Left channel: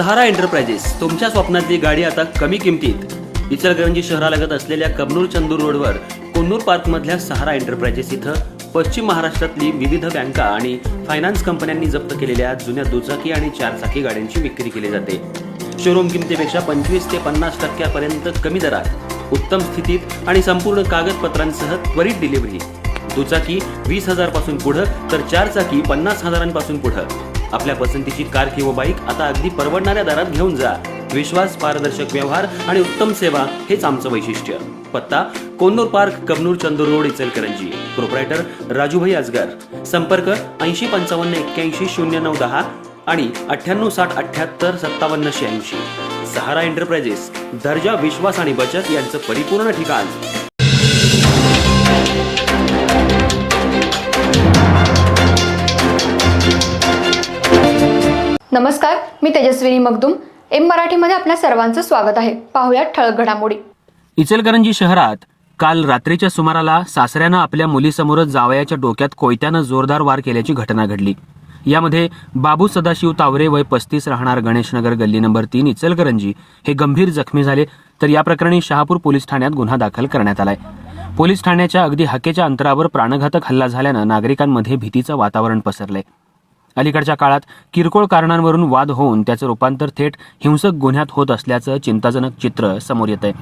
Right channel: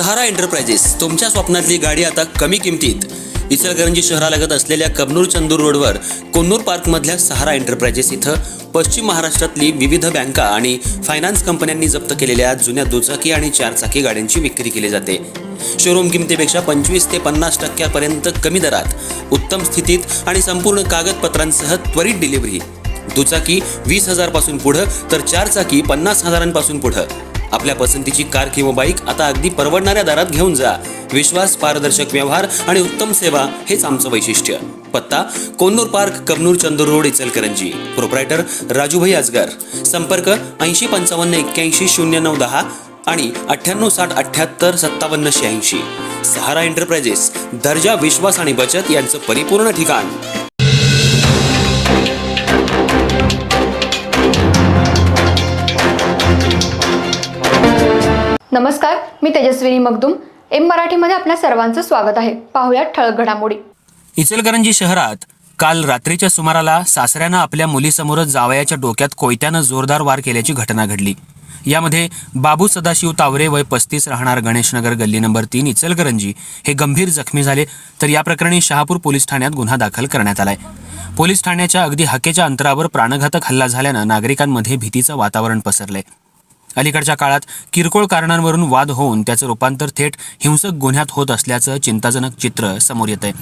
सहारा enterprises तुमच्या स्वप्नातली गाडी आता कमी किमतीत। इचलकरंजी शहरालगत असलेल्या कबनूर चंदूर रोडवर कोन्नूर पार्कमधल्या सहारा एंटरप्राइजेस इथं पश्चिम महाराष्ट्रातली विविध बँका आणि फायनान्स कंपन्यांनी जप्त केलेल्या जुन्या दुचाकी आणि चारचाकी गाड्यांची विक्री केली जाते। शोरूम किमतीपेक्षा 25 ते 50% कमी दरात उत्तम स्थितीत आणि संपूर्ण कागदपत्रांसह त्वरित डिलिव्हरी। दुचाकी 20,000 पासून पुढे तर चारचाकी 50,000 पासून पुढे। आपल्या पसंतीची कार किंवा बाईक आता अगदी परवडणाऱ्या दरात घेऊन जा। विश्वास, पारदर्शक व्यवहार आणि उत्तम सेवा हेच आमचं वैशिष्ट्य। पत्ता Konnur park, Kabnur Chandur road, Ichalkaranji. Proprietor Rajubhai Ajgar. संपर्क 80 55 81 09 10 आणि 98 60 78 57 86। सहारा एंटरप्राइजेस, दर्जा, विश्वास आणि बचत यांचं परिपूर्ण ठिकाण। नमस्कार, मी तेजस्विनी मगदूम। एम मराठीमध्ये आपल्या सर्वांचं स्वागत आहे। पाहूया ठळक घडामोडी। इचलकरंजी शहरात काल रात्रीच्या सुमाराला सासऱ्यानं आपल्या मुलीसमोरच जावयाच्या डोक्यात कोयत्यानं जोरदार वार केल्याची घटना घडली। यामध्ये बाबू सदाशिव तावरे वय 35 राहणार गणेशनगर गल्ली नंबर 3 इचलकरंजी हे गंभीर जखमी झाले, तर या प्रकरणी शहापूर पोलीस ठाण्यात गुन्हा दाखल करण्यात आलाय। पोलीस ठाण्याच्या अगदी हाकेच्या अंतरावर प्राणघातक हल्ला झाल्यानं नागरिकांमध्ये भीतीचं वातावरण पसरले। अलीकडच्या काळात किरकोळ कारणांवरून वाद होऊन त्याचं रूपांतर थेट हिंसक गुन्ह्यात होत असल्याचं चिंताजनक चित्र समोर येतंय।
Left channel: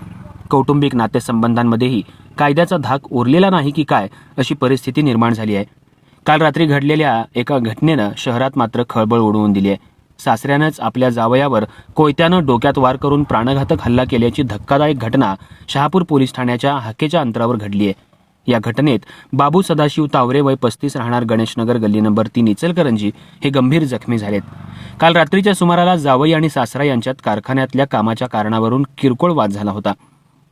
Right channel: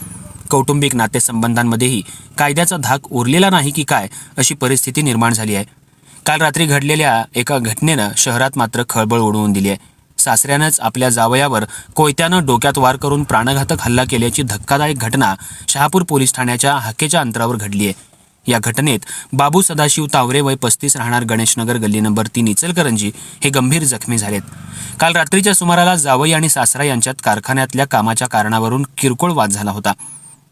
कौटुंबिक नातेसंबंधांमध्येही कायद्याचा धाक उरलेला नाही की काय अशी परिस्थिती निर्माण झाली आहे। काल रात्री घडलेल्या एका घटनेनं शहरात मात्र खळबळ उडवून दिली आहे। सासऱ्यानंच आपल्या जावयावर कोयत्यानं डोक्यात वार करून प्राणघातक हल्ला केल्याची धक्कादायक घटना शहापूर पोलीस ठाण्याच्या हाकेच्या अंतरावर घडली आहे। या घटनेत बाबू सदाशिव तावरे वय 35 राहणार गणेशनगर गल्ली नंबर 3 इचलकरंजी हे गंभीर जखमी झालेत। काल रात्रीच्या सुमाराला जावई आणि सासरा यांच्यात कारखान्यातल्या कामाच्या कारणावरून किरकोळ वाद झाला होता।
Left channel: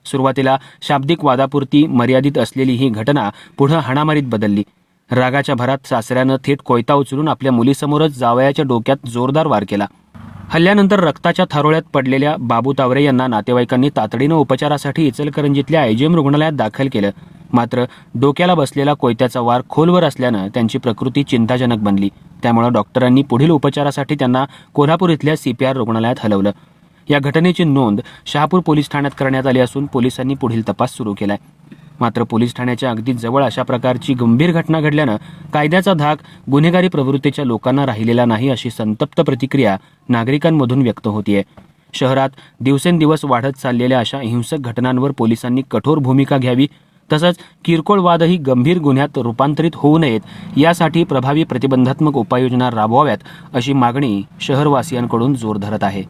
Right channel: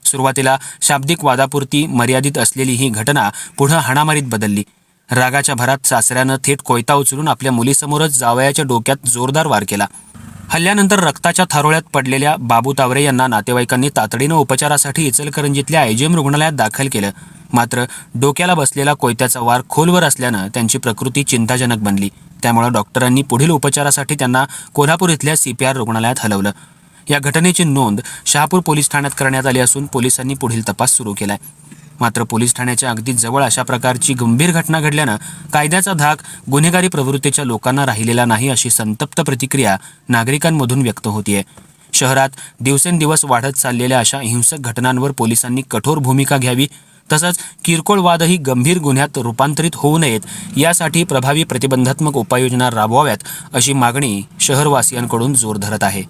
सुरुवातीला शाब्दिक वादापुरती मर्यादित असलेली ही घटना पुढे हाणामारीत बदलली। रागाच्या भरात सासऱ्यानं थेट कोयता उचलून आपल्या मुलीसमोरच जावयाच्या डोक्यात जोरदार वार केला। हल्ल्यानंतर रक्ताच्या थारोळ्यात पडलेल्या बाबू तावरे यांना नातेवाईकांनी तातडीनं उपचारासाठी इचलकरंजीतल्या आयजीएम रुग्णालयात दाखल केलं, मात्र डोक्याला बसलेला कोयत्याचा वार खोलवर असल्यानं त्यांची प्रकृती चिंताजनक बनली। त्यामुळे डॉक्टरांनी पुढील उपचारासाठी त्यांना कोल्हापूर इथल्या CPR रुग्णालयात हलवलं। या घटनेची नोंद शहापूर पोलीस ठाण्यात करण्यात आली असून पोलिसांनी पुढील तपास सुरू केलाय। मात्र पोलीस ठाण्याच्या अगदी जवळ अशा प्रकारची गंभीर घटना घडल्यानं कायद्याचा धाक गुन्हेगारी प्रवृत्तीच्या लोकांना राहिलेला नाही अशी संतप्त प्रतिक्रिया नागरिकांमधून व्यक्त होतीये। शहरात दिवसेंदिवस वाढत चाललेल्या अशा हिंसक घटनांवर पोलिसांनी कठोर भूमिका घ्यावी, तसंच किरकोळ वादही गंभीर गुन्ह्यात रूपांतरित होऊ नयेत यासाठी प्रभावी प्रतिबंधात्मक उपाययोजना राबवाव्यात अशी मागणी शहरवासियांकडून जोर धरत आहे।